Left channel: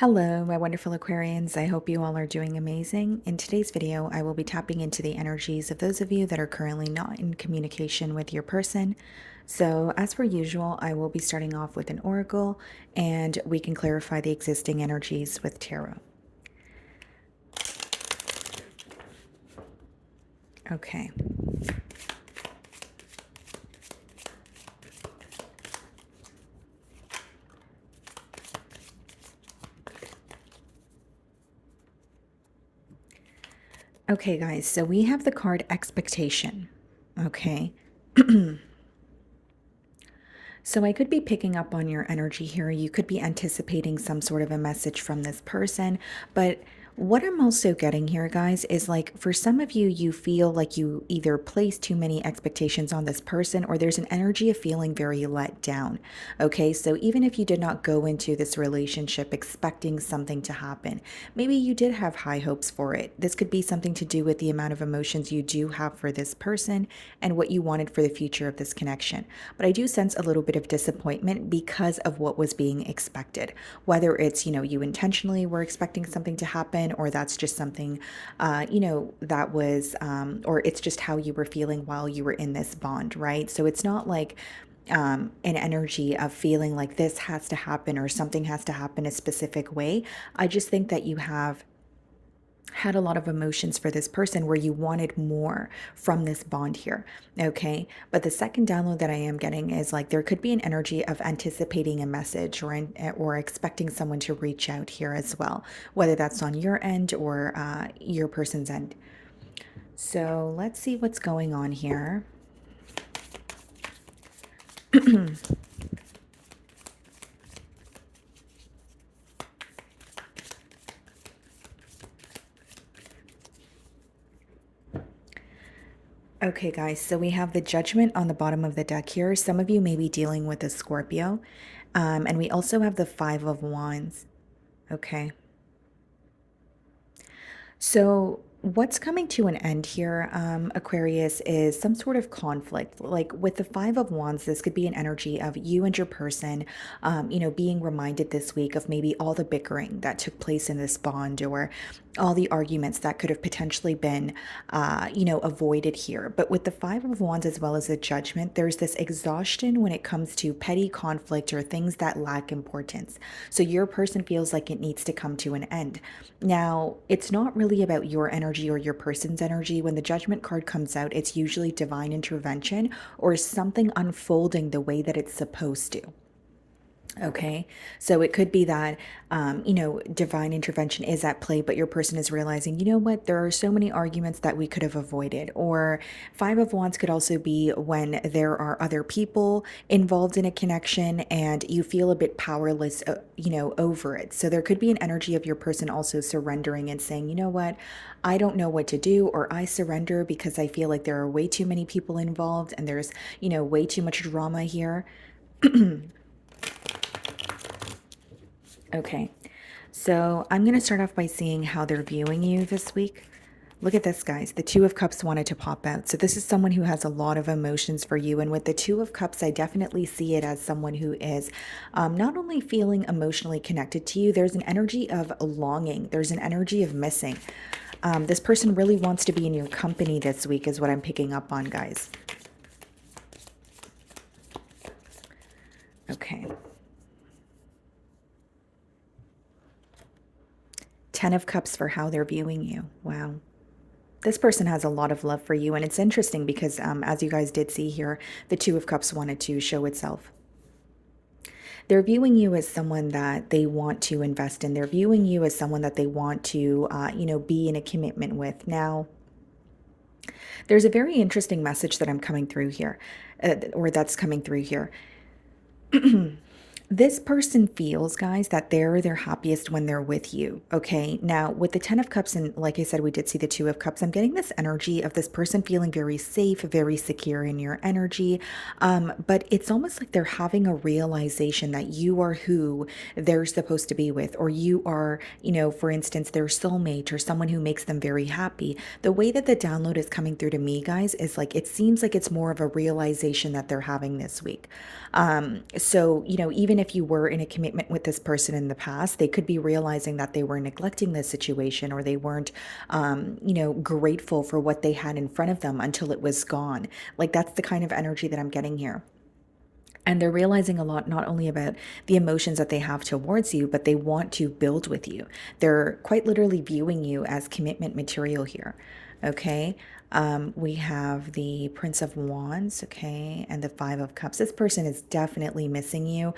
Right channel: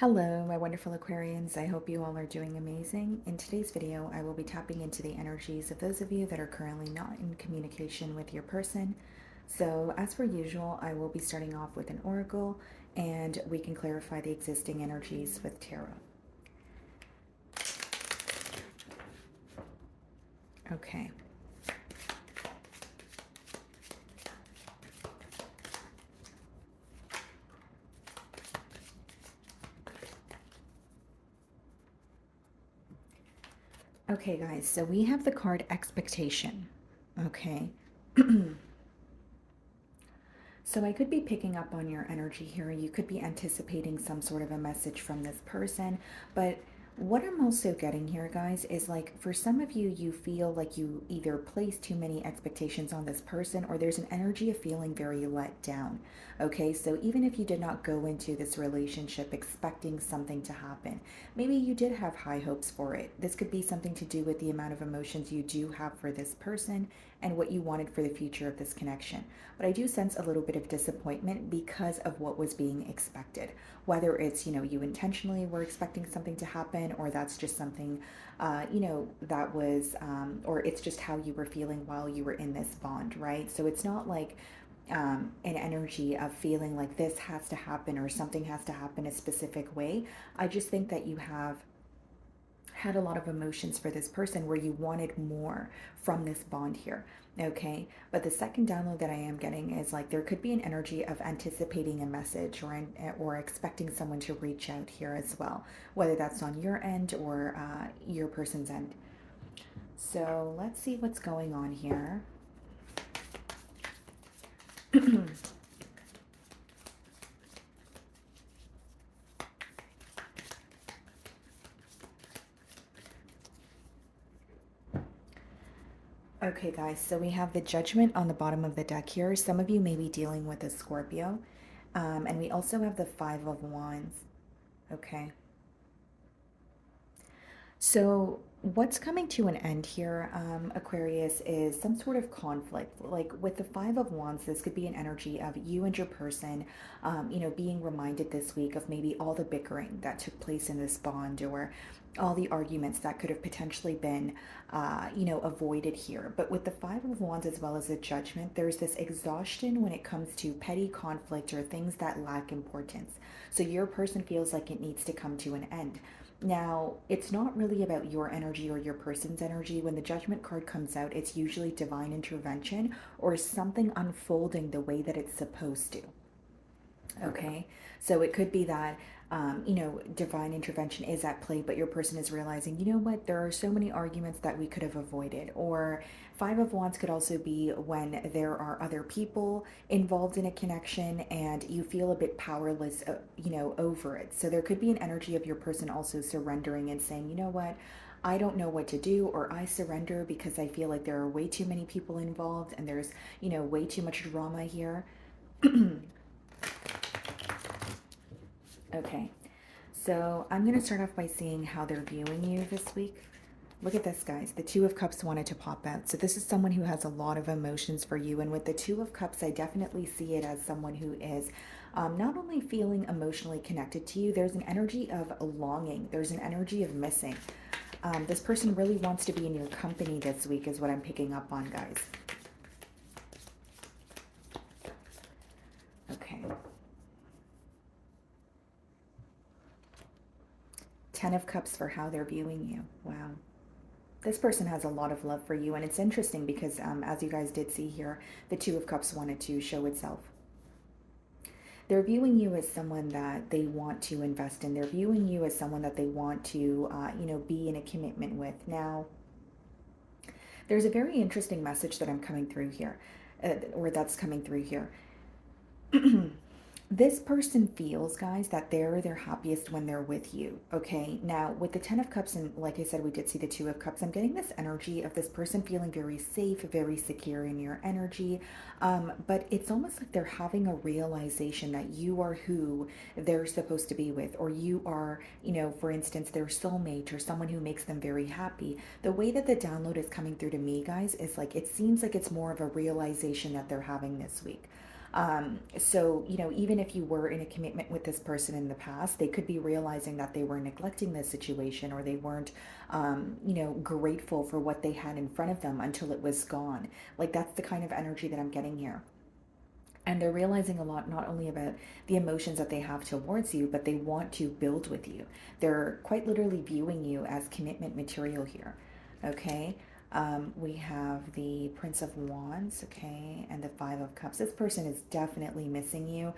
Hello, my wonderful Aquarians. I hope you all are doing amazing. In today's video, I will be tapping into the energies of those of you that are currently not in communication with your person. So, as per usual, I will be starting off with an oracle and we can clarify the existing energies with tarot. Okay. Okay, guys, so we have the card expectation. Okay. So I could be picking up on your energy here. You could be anticipating some sort of a message from this person, but what I'm also getting here, guys, is like for some of you, you feel like you either place too many expectations on this person or there's an energy of feeling very let down. Okay, so even if you did not go into this relationship expecting something to happen, maybe you did have high hopes for it. This could be something to do with the amount of emotions you do have for this person and what you wanted for the future of this connection. But I do sense a little bit of disappointment because of what was being expected. Whether it's, you intentionally were expecting something to happen, or that's just something, that was, or it's just how you were feeling while you were in this bond, right? So it's not like, an energy of feeling like this has to happen or something has to happen a specific way. I just think that you have had a lot of emotions for this person where you wanted more from this bond here. Okay. But the second download that I am getting is like there could be an energy of anticipating a message or expecting someone to reach out here as well, whether that's on your end or your person's end. So let's see what's going on here. Okay, guys, so we have the Judgment on the bottom of the deck here. Some of you may be dealing with a Scorpio. And we also have the Five of Wands. Okay. So, what's coming to an end here, Aquarius, is some sort of conflict. Like with the Five of Wands, this could be an energy of you and your person, being reminded this week of maybe all the bickering that took place in this bond or all the arguments that could have potentially been, avoided here. But with the Five of Wands as well as the Judgment, there's this exhaustion when it comes to petty conflict or things that lack importance. So, your person feels like it needs to come to an end. Now, it's not really about your energy or your person's energy. When the Judgment card comes out, it's usually divine intervention or something unfolding the way that it's supposed to. Okay, so it could be that, divine intervention is at play, but your person is realizing, you know what, there are so many arguments that we could have avoided. Or Five of Wands could also be when there are other people involved in a connection and you feel a bit powerless, over it. So there could be an energy of your person also surrendering and saying, you know what, I don't know what to do, or I surrender because I feel like there are way too many people involved and there's, way too much drama here. Okay, so I'm going to start off by seeing how they're viewing you this week. Look at this, guys. The Two of Cups wanted to pop out. So this is someone who has a lot of emotions for you. And with the Two of Cups, I definitely see it as someone who is not only feeling emotionally connected to you, there's an energy of longing. There's an energy of missing. This person really wants to be in your company this week is what I'm picking up on, guys. Okay. Ten of Cups for how they're viewing you. Wow. This person has a lot of love for you, and it's interesting because, as you guys did see here, the Two of Cups wanted to show itself. They're viewing you as someone that they want to invest in. They're viewing you as someone that they want to, be in a commitment with. Now, there's a very interesting message that I'm coming through here, or that's coming through here. This person feels, guys, that they're their happiest when they're with you. Okay. Now, with the Ten of Cups, and like I said, we did see the Two of Cups, I'm getting this energy of this person feeling very safe, very secure in your energy. But it's almost like they're having a realization that you are who they're supposed to be with, or you are, for instance, their soulmate or someone who makes them very happy. The way that the download is coming through to me, guys, is like it seems like it's more of a realization that they're having this week. So, even if you were in a commitment with this person in the past, they could be realizing that they were neglecting this situation, or they weren't, grateful for what they had in front of them until it was gone. Like, that's the kind of energy that I'm getting here. And they're realizing a lot, not only about the emotions that they have towards you, but they want to build with you. They're quite literally viewing you as commitment material here. Okay. We have the Prince of Wands, okay, and the Five of Cups. This person is definitely missing you.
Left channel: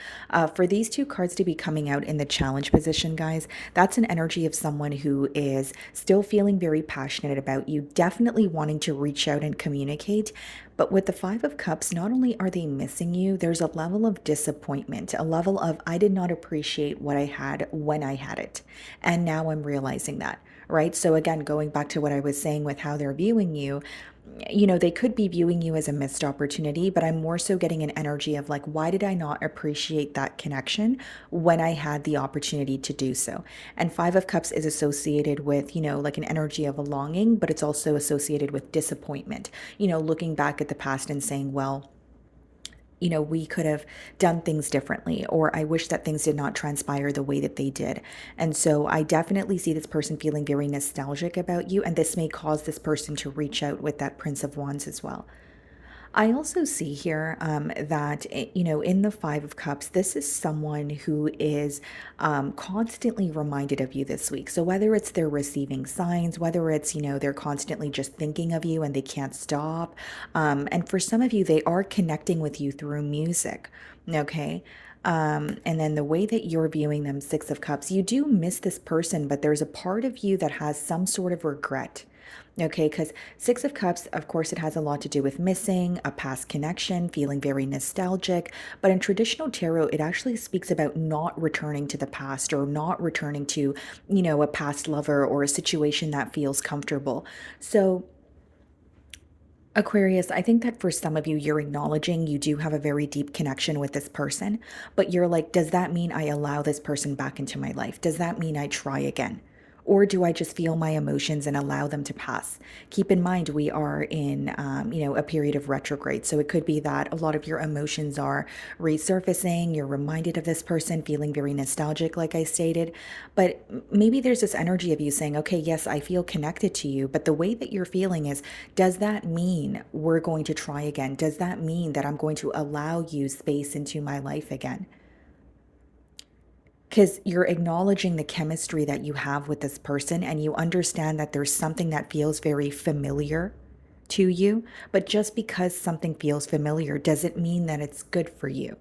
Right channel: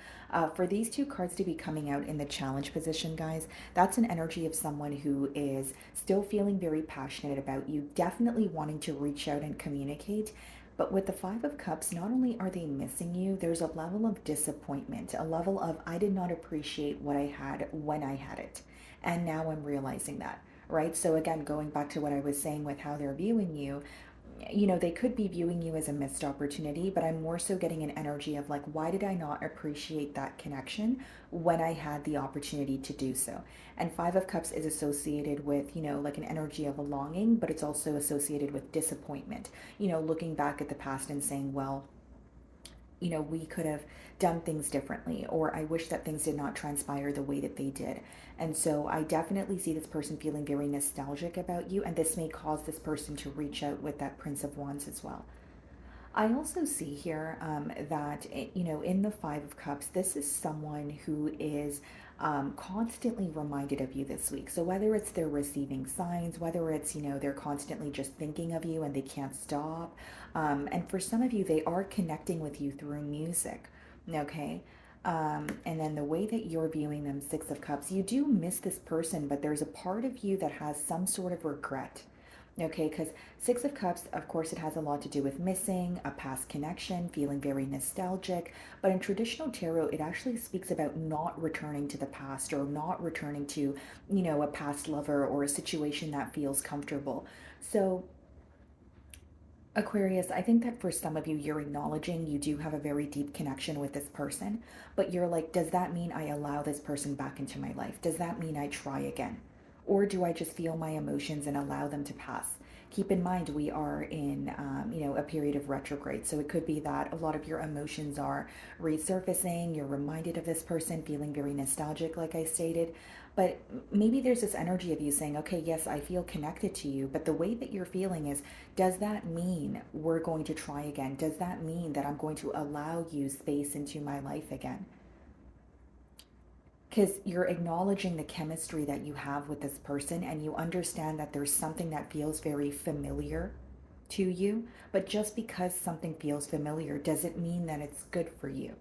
For these two cards to be coming out in the challenge position, guys, that's an energy of someone who is still feeling very passionate about you, definitely wanting to reach out and communicate. But with the Five of Cups, not only are they missing you, there's a level of disappointment, a level of, I did not appreciate what I had when I had it. And now I'm realizing that, right? So, again, going back to what I was saying with how they're viewing you, they could be viewing you as a missed opportunity, but I'm more so getting an energy of like, why did I not appreciate that connection when I had the opportunity to do so? And Five of Cups is associated with, like an energy of a longing, but it's also associated with disappointment, looking back at the past and saying, well, we could have done things differently, or I wish that things did not transpire the way that they did. And so I definitely see this person feeling very nostalgic about you, and this may cause this person to reach out with that Prince of Wands as well. I also see here that, in the Five of Cups, this is someone who is constantly reminded of you this week. So whether it's they're receiving signs, whether it's, they're constantly just thinking of you and they can't stop. And for some of you, they are connecting with you through music. Okay. And then the way that you're viewing them, Six of Cups, you do miss this person, but there's a part of you that has some sort of regret. Okay, because Six of Cups, of course, it has a lot to do with missing, a past connection, feeling very nostalgic. But in traditional tarot, it actually speaks about not returning to the past, or not returning to, a past lover or a situation that feels comfortable. So, Aquarius, I think that for some of you, you're acknowledging you do have a very deep connection with this person, but you're like, does that mean I allow this person back into my life? Does that mean I try again? Or do I just feel my emotions and allow them to pass? Keep in mind, we are in, a period of retrograde. So it could be that a lot of your emotions are resurfacing. You're reminded of this person, feeling very nostalgic, like I stated. But maybe there's this energy of you saying, okay, yes, I feel connected to you. But the way that you're feeling is, does that mean we're going to try again? Does that mean that I'm going to allow you space into my life again? Because you're acknowledging the chemistry that you have with this person, and you understand that there's something that feels very familiar to you. But just because something feels familiar doesn't mean that it's good for you.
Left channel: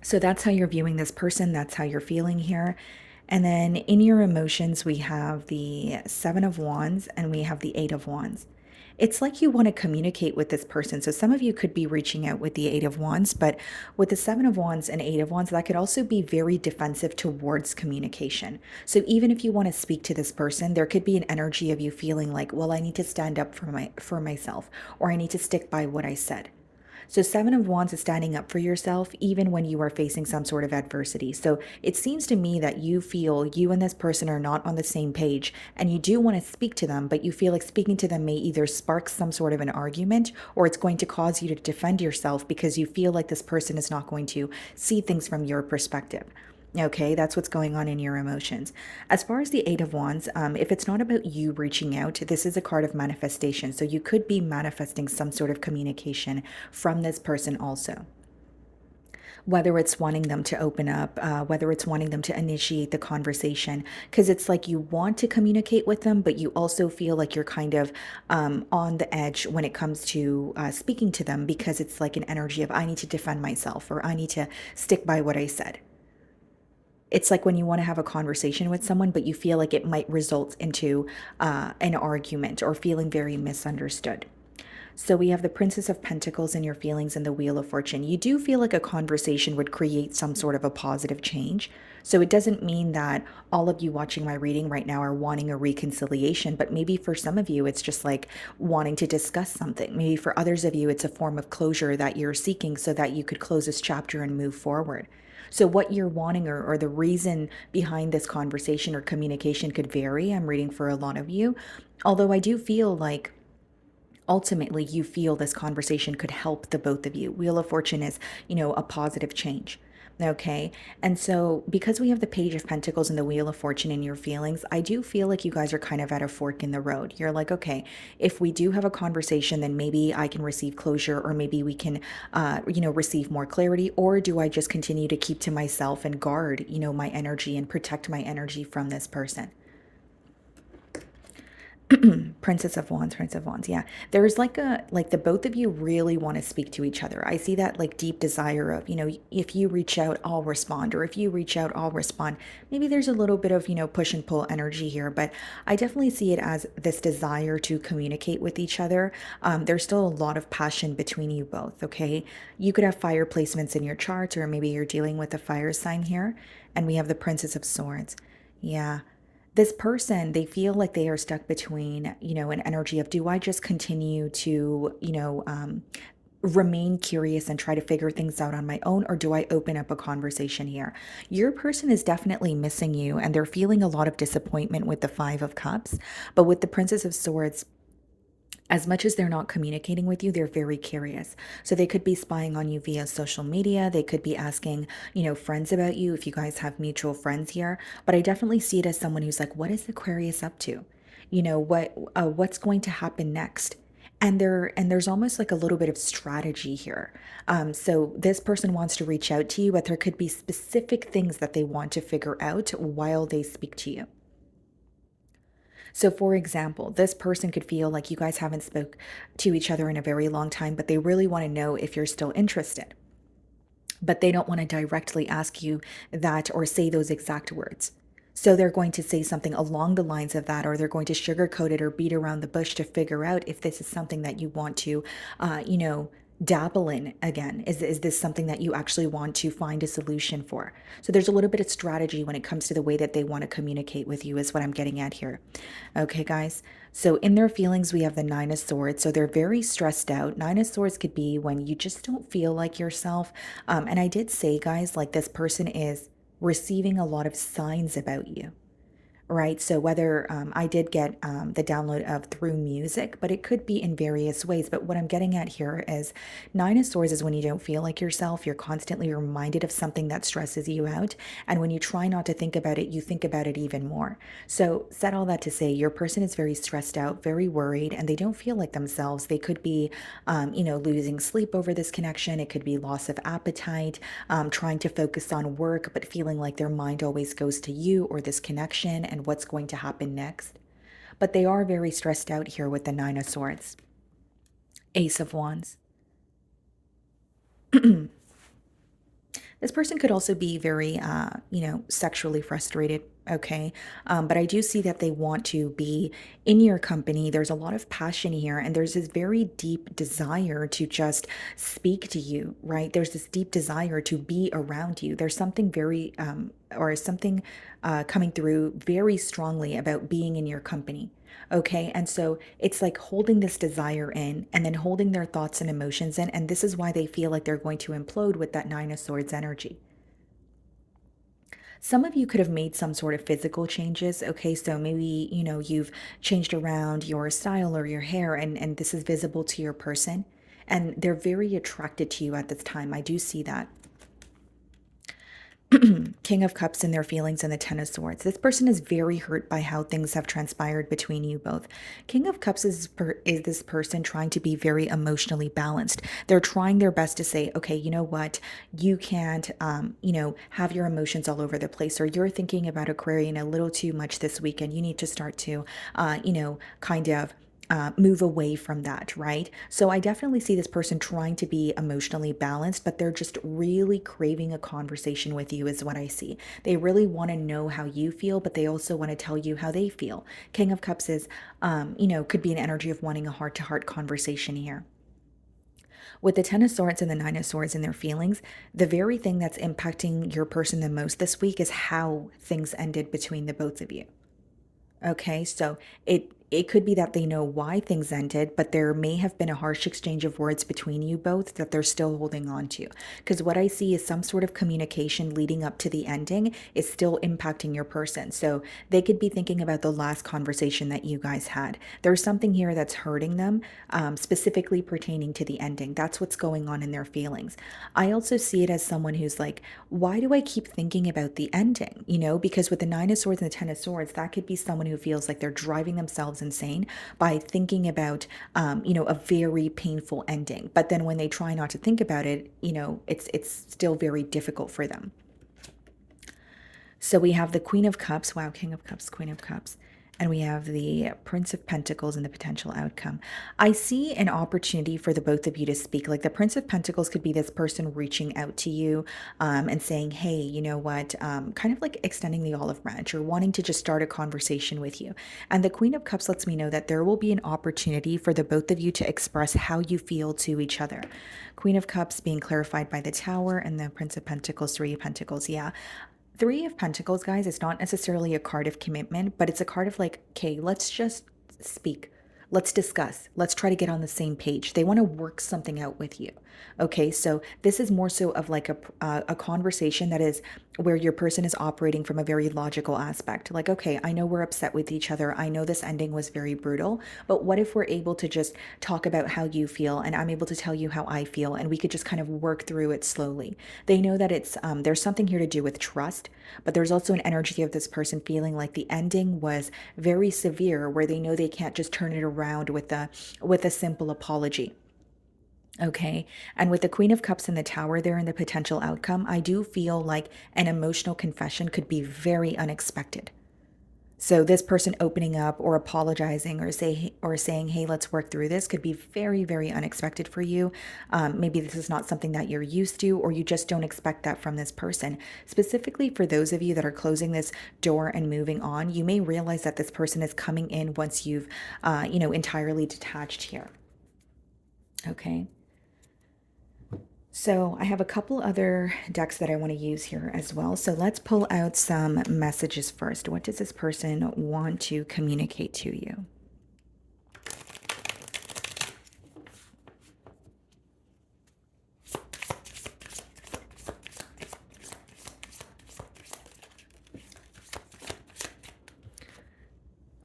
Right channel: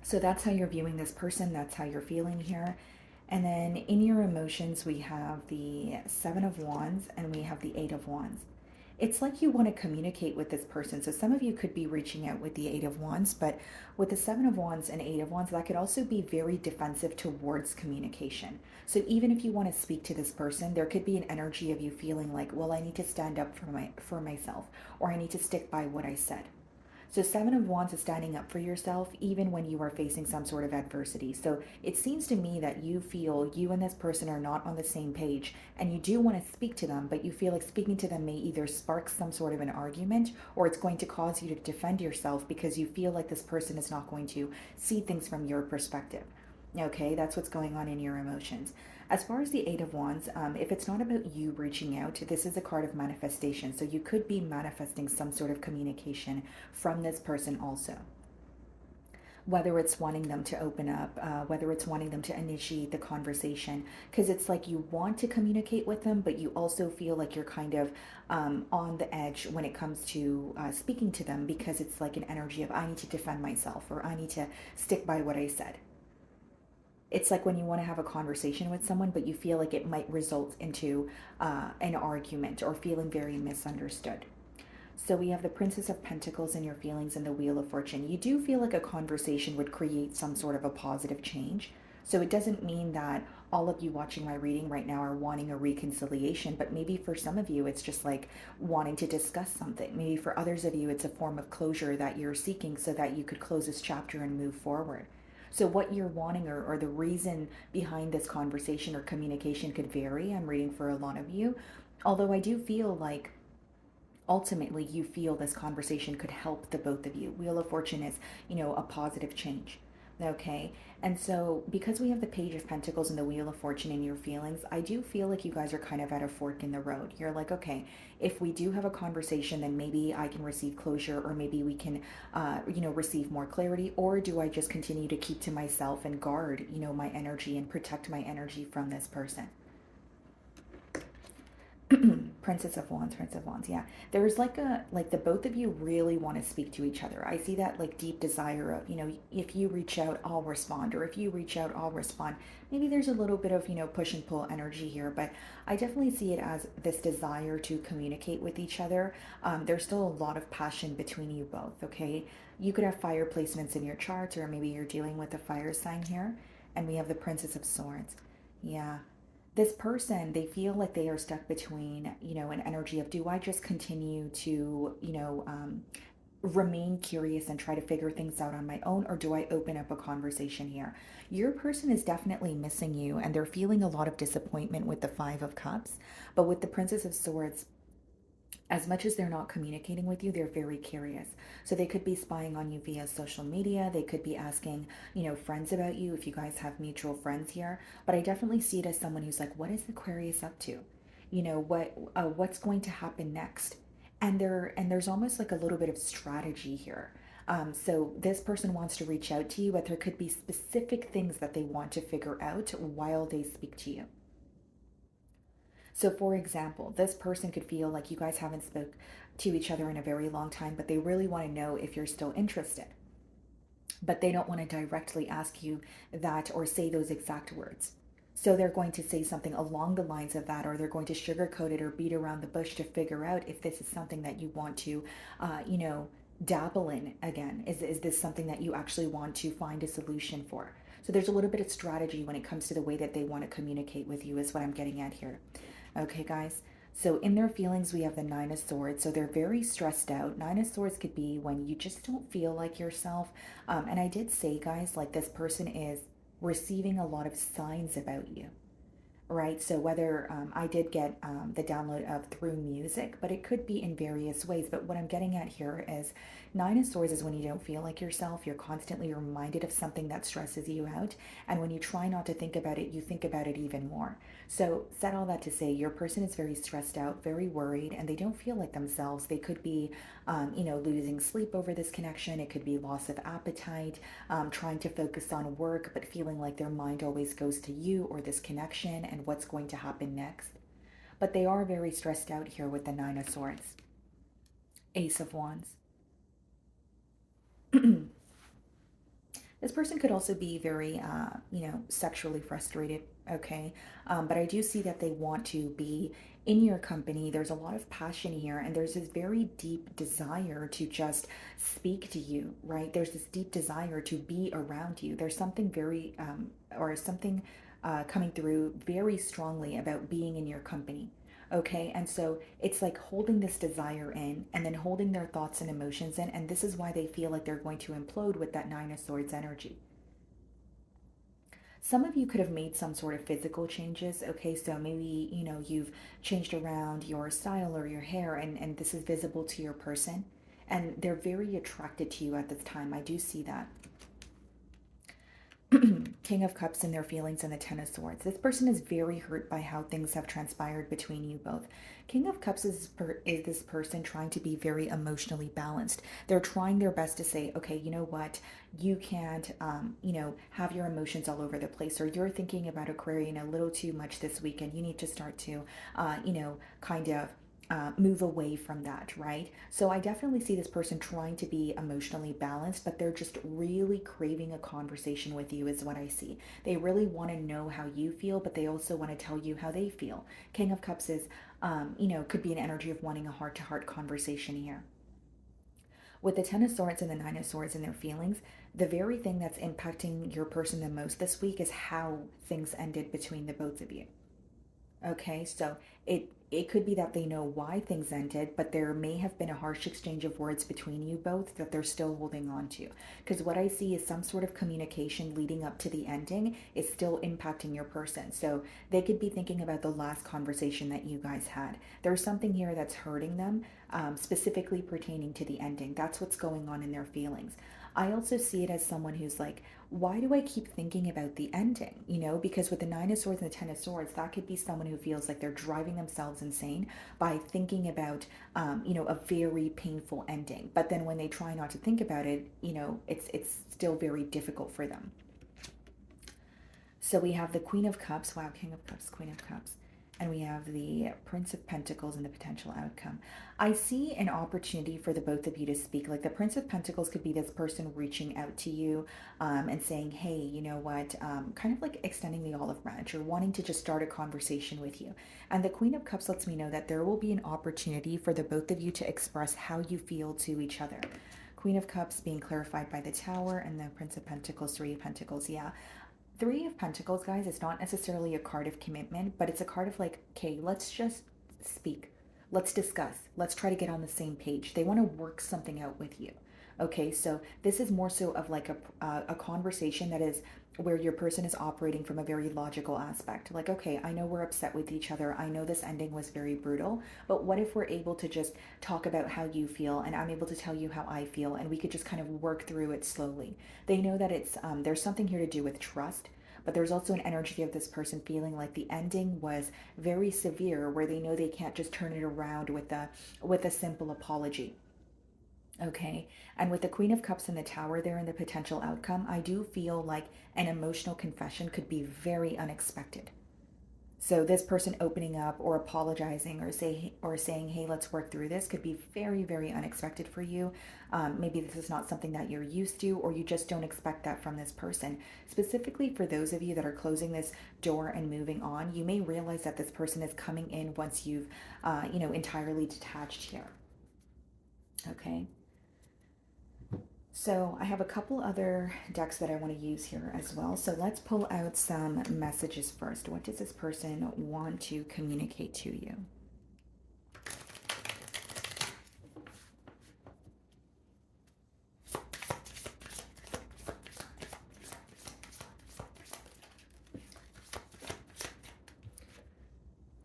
So that's how you're viewing this person. That's how you're feeling here. And then in your emotions, we have the Seven of Wands and we have the Eight of Wands. It's like you want to communicate with this person. So some of you could be reaching out with the Eight of Wands, but with the Seven of Wands and Eight of Wands, that could also be very defensive towards communication. So even if you want to speak to this person, there could be an energy of you feeling like, well, I need to stand up for myself, or I need to stick by what I said. So, Seven of Wands is standing up for yourself even when you are facing some sort of adversity. So, it seems to me that you feel you and this person are not on the same page, and you do want to speak to them, but you feel like speaking to them may either spark some sort of an argument, or it's going to cause you to defend yourself because you feel like this person is not going to see things from your perspective. Okay, that's what's going on in your emotions. As far as the Eight of Wands, if it's not about you reaching out, this is a card of manifestation. So you could be manifesting some sort of communication from this person also. Whether it's wanting them to open up, whether it's wanting them to initiate the conversation, because it's like you want to communicate with them, but you also feel like you're kind of on the edge when it comes to speaking to them, because it's like an energy of, I need to defend myself, or I need to stick by what I said. It's like when you want to have a conversation with someone, but you feel like it might result into an argument, or feeling very misunderstood. So we have the Princess of Pentacles in your feelings and the Wheel of Fortune. You do feel like a conversation would create some sort of a positive change. So it doesn't mean that all of you watching my reading right now are wanting a reconciliation, but maybe for some of you, it's just like wanting to discuss something. Maybe for others of you, it's a form of closure that you're seeking so that you could close this chapter and move forward. So, what you're wanting, or the reason behind this conversation or communication could vary. I'm reading for a lot of you. Although I do feel like ultimately you feel this conversation could help the both of you. Wheel of Fortune is, a positive change. Okay. And so, because we have the Page of Pentacles and the Wheel of Fortune in your feelings, I do feel like you guys are kind of at a fork in the road. You're like, okay, if we do have a conversation, then maybe I can receive closure, or maybe we can, receive more clarity. Or do I just continue to keep to myself and guard, my energy and protect my energy from this person? Princess of Wands, Prince of Wands. Yeah. There's like the both of you really want to speak to each other. I see that like deep desire of, if you reach out, I'll respond, or if you reach out, I'll respond. Maybe there's a little bit of, push and pull energy here, but I definitely see it as this desire to communicate with each other. There's still a lot of passion between you both, okay? You could have fire placements in your chart, or maybe you're dealing with a fire sign here. And we have the Princess of Swords. Yeah, this person, they feel like they are stuck between, an energy of, do I just continue to, remain curious and try to figure things out on my own, or do I open up a conversation here? Your person is definitely missing you, and they're feeling a lot of disappointment with the Five of Cups. But with the Princess of Swords, as much as they're not communicating with you, they're very curious. So they could be spying on you via social media. They could be asking, friends about you if you guys have mutual friends here. But I definitely see it as someone who's like, what is Aquarius up to? What's going to happen next? And there's almost like a little bit of strategy here. So this person wants to reach out to you, but there could be specific things that they want to figure out while they speak to you. So, for example, this person could feel like you guys haven't spoke to each other in a very long time, but they really want to know if you're still interested. But they don't want to directly ask you that or say those exact words. So they're going to say something along the lines of that, or they're going to sugarcoat it or beat around the bush to figure out if this is something that you want to, dabble in again. Is this something that you actually want to find a solution for? So there's a little bit of strategy when it comes to the way that they want to communicate with you, is what I'm getting at here. Okay, guys. So in their feelings, we have the Nine of Swords. So they're very stressed out. Nine of Swords could be when you just don't feel like yourself. And I did say, guys, like this person is receiving a lot of signs about you, right? So whether I did get the download of through music, but it could be in various ways. But what I'm getting at here is Nine of Swords is when you don't feel like yourself. You're constantly reminded of something that stresses you out. And when you try not to think about it, you think about it even more. So said all that to say, your person is very stressed out, very worried, and they don't feel like themselves. They could be, losing sleep over this connection. It could be loss of appetite, trying to focus on work, but feeling like their mind always goes to you or this connection and what's going to happen next. But they are very stressed out here with the Nine of Swords. Ace of Wands. This person could also be very, sexually frustrated. Okay. But I do see that they want to be in your company. There's a lot of passion here, and there's this very deep desire to just speak to you, right? There's this deep desire to be around you. There's something very, or something coming through very strongly about being in your company. Okay. And so it's like holding this desire in and then holding their thoughts and emotions in. And this is why they feel like they're going to implode with that Nine of Swords energy. Some of you could have made some sort of physical changes. Okay. So maybe, you've changed around your style or your hair, and this is visible to your person. And they're very attracted to you at this time. I do see that. King of Cups and their feelings and the Ten of Swords. This person is very hurt by how things have transpired between you both. King of Cups is this person trying to be very emotionally balanced. They're trying their best to say, okay, you know what? You can't, have your emotions all over the place, or you're thinking about Aquarian a little too much this weekend. You need to start to, kind of move away from that, right? So I definitely see this person trying to be emotionally balanced, but they're just really craving a conversation with you, is what I see. They really want to know how you feel, but they also want to tell you how they feel. King of Cups is, could be an energy of wanting a heart to heart conversation here. With the Ten of Swords and the Nine of Swords and their feelings, the very thing that's impacting your person the most this week is how things ended between the both of you. Okay, so it could be that they know why things ended, but there may have been a harsh exchange of words between you both that they're still holding on to. Because what I see is some sort of communication leading up to the ending is still impacting your person. So they could be thinking about the last conversation that you guys had. There's something here that's hurting them, specifically pertaining to the ending. That's what's going on in their feelings. I also see it as someone who's like, why do I keep thinking about the ending? Because with the Nine of Swords and the Ten of Swords, that could be someone who feels like they're driving themselves insane by thinking about, a very painful ending. But then when they try not to think about it, it's still very difficult for them. So we have the Queen of Cups, wow, King of Cups, Queen of Cups, and we have the Prince of Pentacles and the potential outcome. I see an opportunity for the both of you to speak. Like the Prince of Pentacles could be this person reaching out to you and saying, hey, you know what, kind of like extending the olive branch or wanting to just start a conversation with you. And the Queen of Cups lets me know that there will be an opportunity for the both of you to express how you feel to each other. Queen of Cups being clarified by the Tower and the Prince of Pentacles, Three of Pentacles. Yeah, Three of Pentacles, guys, is not necessarily a card of commitment, but it's a card of like, okay, let's just speak. Let's discuss. Let's try to get on the same page. They want to work something out with you. Okay, so this is more so of like a conversation that is where your person is operating from a very logical aspect. Like, okay, I know we're upset with each other. I know this ending was very brutal, but what if we're able to just talk about how you feel and I'm able to tell you how I feel and we could just kind of work through it slowly. They know that there's something here to do with trust, but there's also an energy of this person feeling like the ending was very severe where they know they can't just turn it around with a simple apology. Okay. And with the Queen of Cups and the Tower there and the potential outcome, I do feel like an emotional confession could be very unexpected. So this person opening up or apologizing or saying, "Hey, let's work through this," could be very, very unexpected for you. Maybe this is not something that you're used to, or you just don't expect that from this person. Specifically for those of you that are closing this door and moving on, you may realize that this person is coming in once you've, entirely detached here. Okay. So I have a couple other decks that I want to use here as well. So let's pull out some messages first. What does this person want to communicate to you?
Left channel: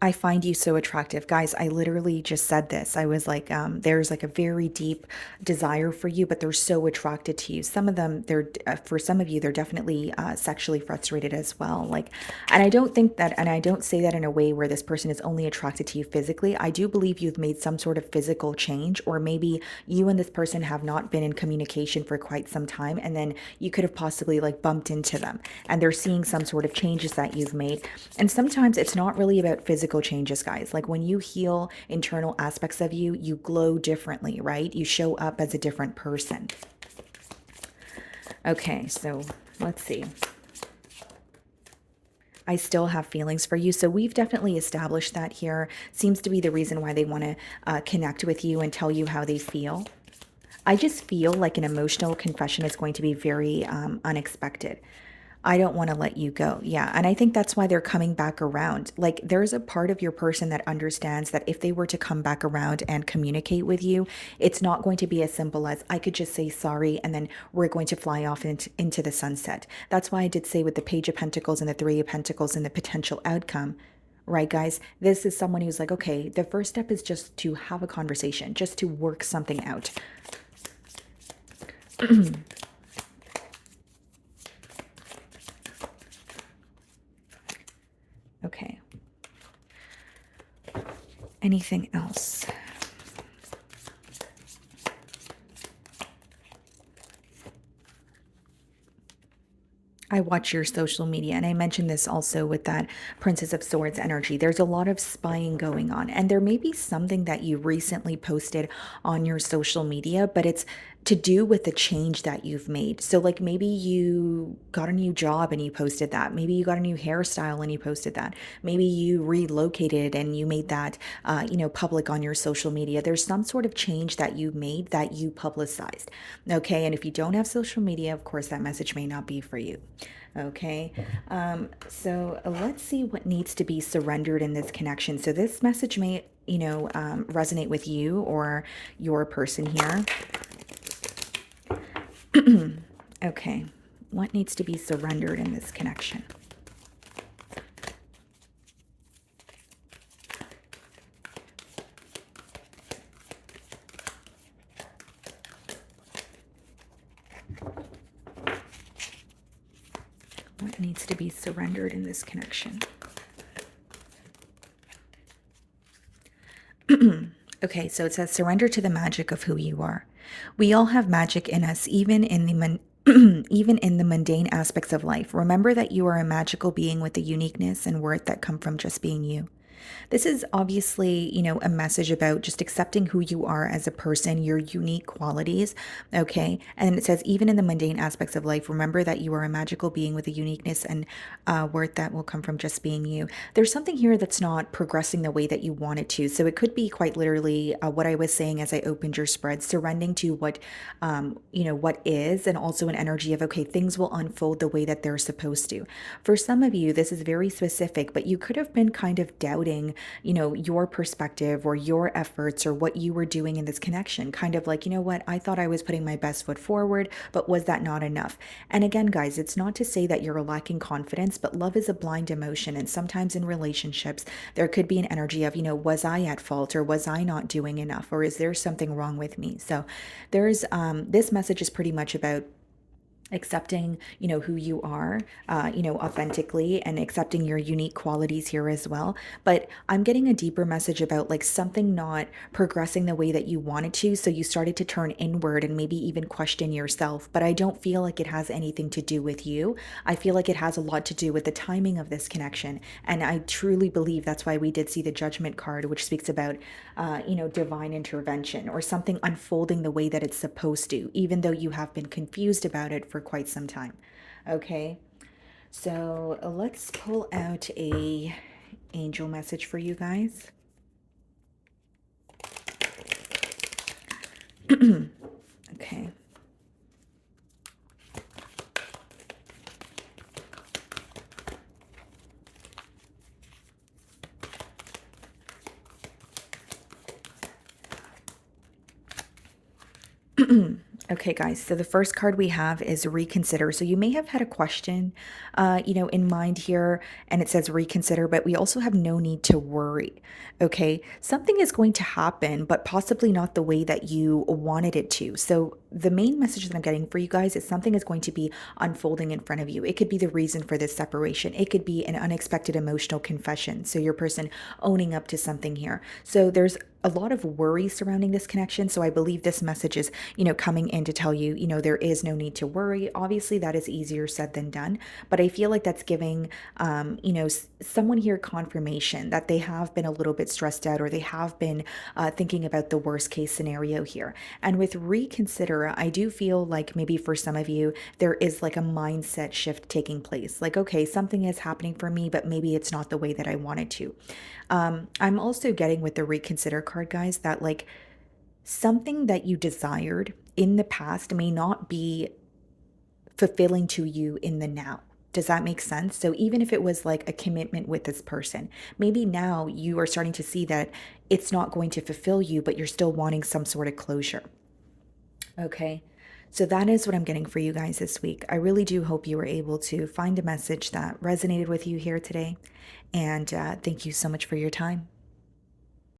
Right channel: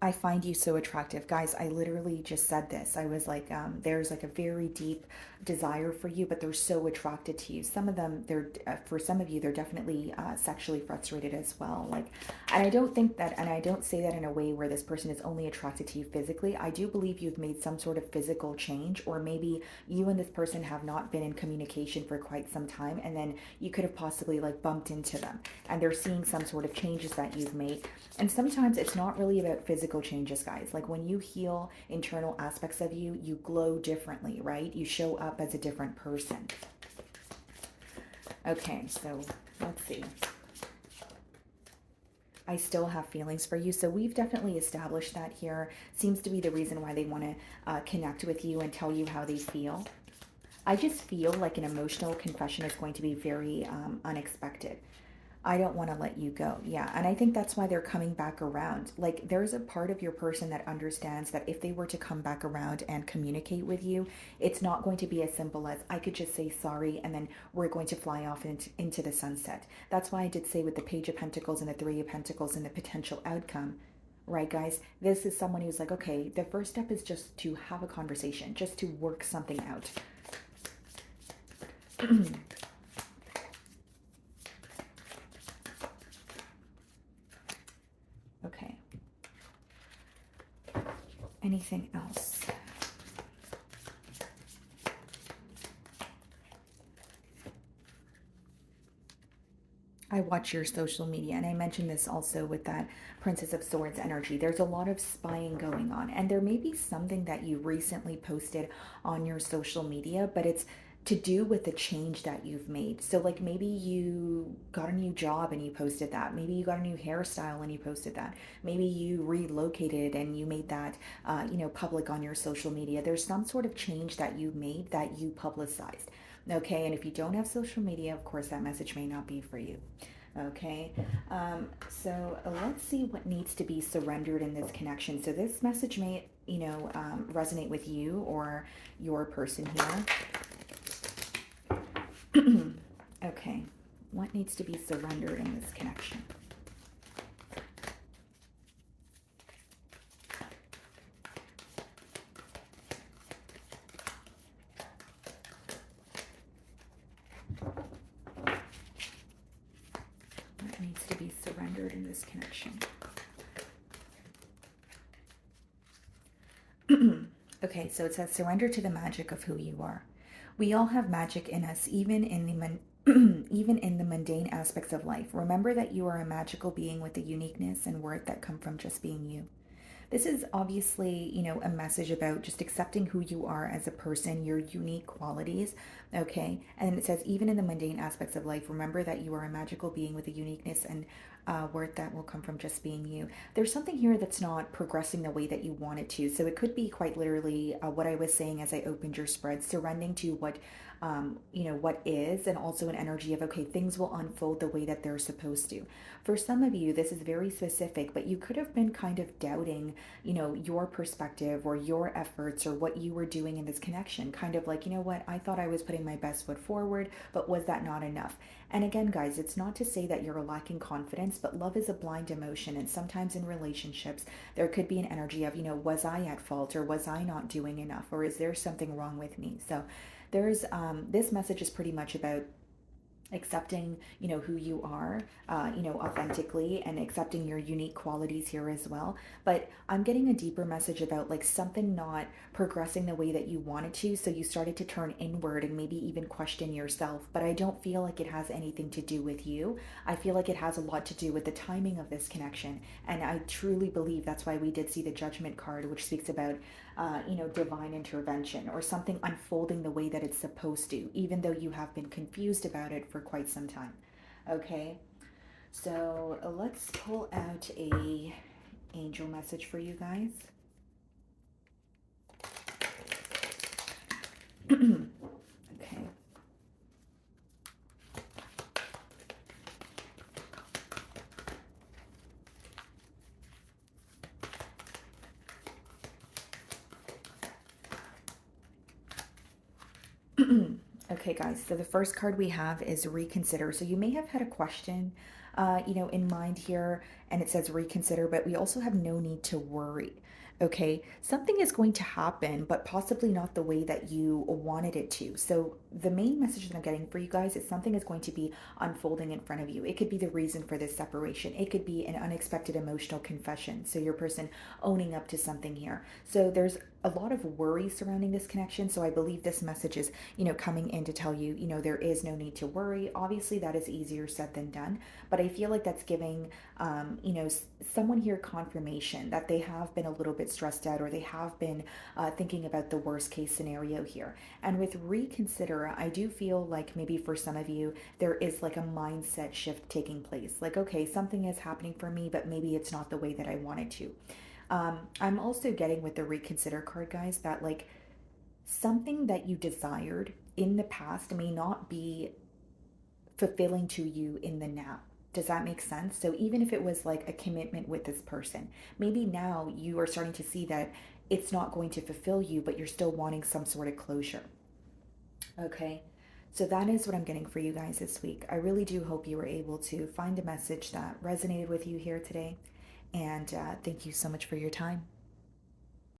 I find you so attractive. Guys, I literally just said this. I was like, there's like a very deep desire for you, but they're so attracted to you. Some of them, for some of you, they're definitely sexually frustrated as well. Like, and I don't think that, and I don't say that in a way where this person is only attracted to you physically. I do believe you've made some sort of physical change, or maybe you and this person have not been in communication for quite some time, and then you could have possibly like bumped into them, and they're seeing some sort of changes that you've made. And sometimes it's not really about physical changes, guys. Like when you heal internal aspects of you, you glow differently, right? You show up as a different person. Okay, so let's see. I still have feelings for you. So we've definitely established that here. Seems to be the reason why they want to connect with you and tell you how they feel. I just feel like an emotional confession is going to be very unexpected. I don't want to let you go. Yeah. And I think that's why they're coming back around. Like, there's a part of your person that understands that if they were to come back around and communicate with you, it's not going to be as simple as I could just say sorry and then we're going to fly off into the sunset. That's why I did say with the Page of Pentacles and the Three of Pentacles and the potential outcome. Right, guys? This is someone who's like, okay, the first step is just to have a conversation, just to work something out. Okay. Anything else? I watch your social media, and I mentioned this also with that Princess of Swords energy. There's a lot of spying going on, and there may be something that you recently posted on your social media, but it's to do with the change that you've made. So, like maybe you got a new job and you posted that. Maybe you got a new hairstyle and you posted that. Maybe you relocated and you made that, public on your social media. There's some sort of change that you made that you publicized. Okay, and if you don't have social media, of course, that message may not be for you. Okay. So let's see what needs to be surrendered in this connection. So this message may, resonate with you or your person here. Okay. What needs to be surrendered in this connection? What needs to be surrendered in this connection? Okay, so it says surrender to the magic of who you are. We all have magic in us, even in the even in the mundane aspects of life. Remember that you are a magical being with a uniqueness and worth that come from just being you. This is obviously, a message about just accepting who you are as a person, your unique qualities. Okay. And it says, even in the mundane aspects of life, remember that you are a magical being with a uniqueness and worth that will come from just being you. There's something here that's not progressing the way that you want it to. So it could be quite literally what I was saying as I opened your spread, surrendering to what is, and also an energy of, okay, things will unfold the way that they're supposed to. For some of you, this is very specific, but you could have been kind of doubting, your perspective or your efforts or what you were doing in this connection. Kind of like, what, I thought I was putting my best foot forward, but was that not enough? And again, guys, it's not to say that you're lacking confidence, but love is a blind emotion. And sometimes in relationships, there could be an energy of, was I at fault, or was I not doing enough, or is there something wrong with me? So there's this message is pretty much about accepting, who you are, authentically, and accepting your unique qualities here as well. But I'm getting a deeper message about like something not progressing the way that you wanted to, so you started to turn inward and maybe even question yourself. But I don't feel like it has anything to do with you. I feel like it has a lot to do with the timing of this connection, and I truly believe that's why we did see the Judgment card, which speaks about divine intervention or something unfolding the way that it's supposed to, even though you have been confused about it for quite some time. Okay, so let's pull out a angel message for you guys. Okay. Okay, guys, so the first card we have is reconsider. So you may have had a question, in mind here, and it says reconsider, but we also have no need to worry. Okay, something is going to happen, but possibly not the way that you wanted it to. So the main message that I'm getting for you guys is something is going to be unfolding in front of you. It could be the reason for this separation. It could be an unexpected emotional confession. So your person owning up to something here. So there's a lot of worry surrounding this connection. So I believe this message is, coming in to tell you, there is no need to worry. Obviously, that is easier said than done, but I feel like that's giving, someone here confirmation that they have been a little bit stressed out, or they have been thinking about the worst case scenario here. And with reconsider, I do feel like maybe for some of you, there is like a mindset shift taking place. Like, okay, something is happening for me, but maybe it's not the way that I wanted to. I'm also getting with the reconsider card, guys, that like something that you desired in the past may not be fulfilling to you in the now. Does that make sense? So even if it was like a commitment with this person, maybe now you are starting to see that it's not going to fulfill you, but you're still wanting some sort of closure. Okay. So that is what I'm getting for you guys this week. I really do hope you were able to find a message that resonated with you here today. And thank you so much for your time.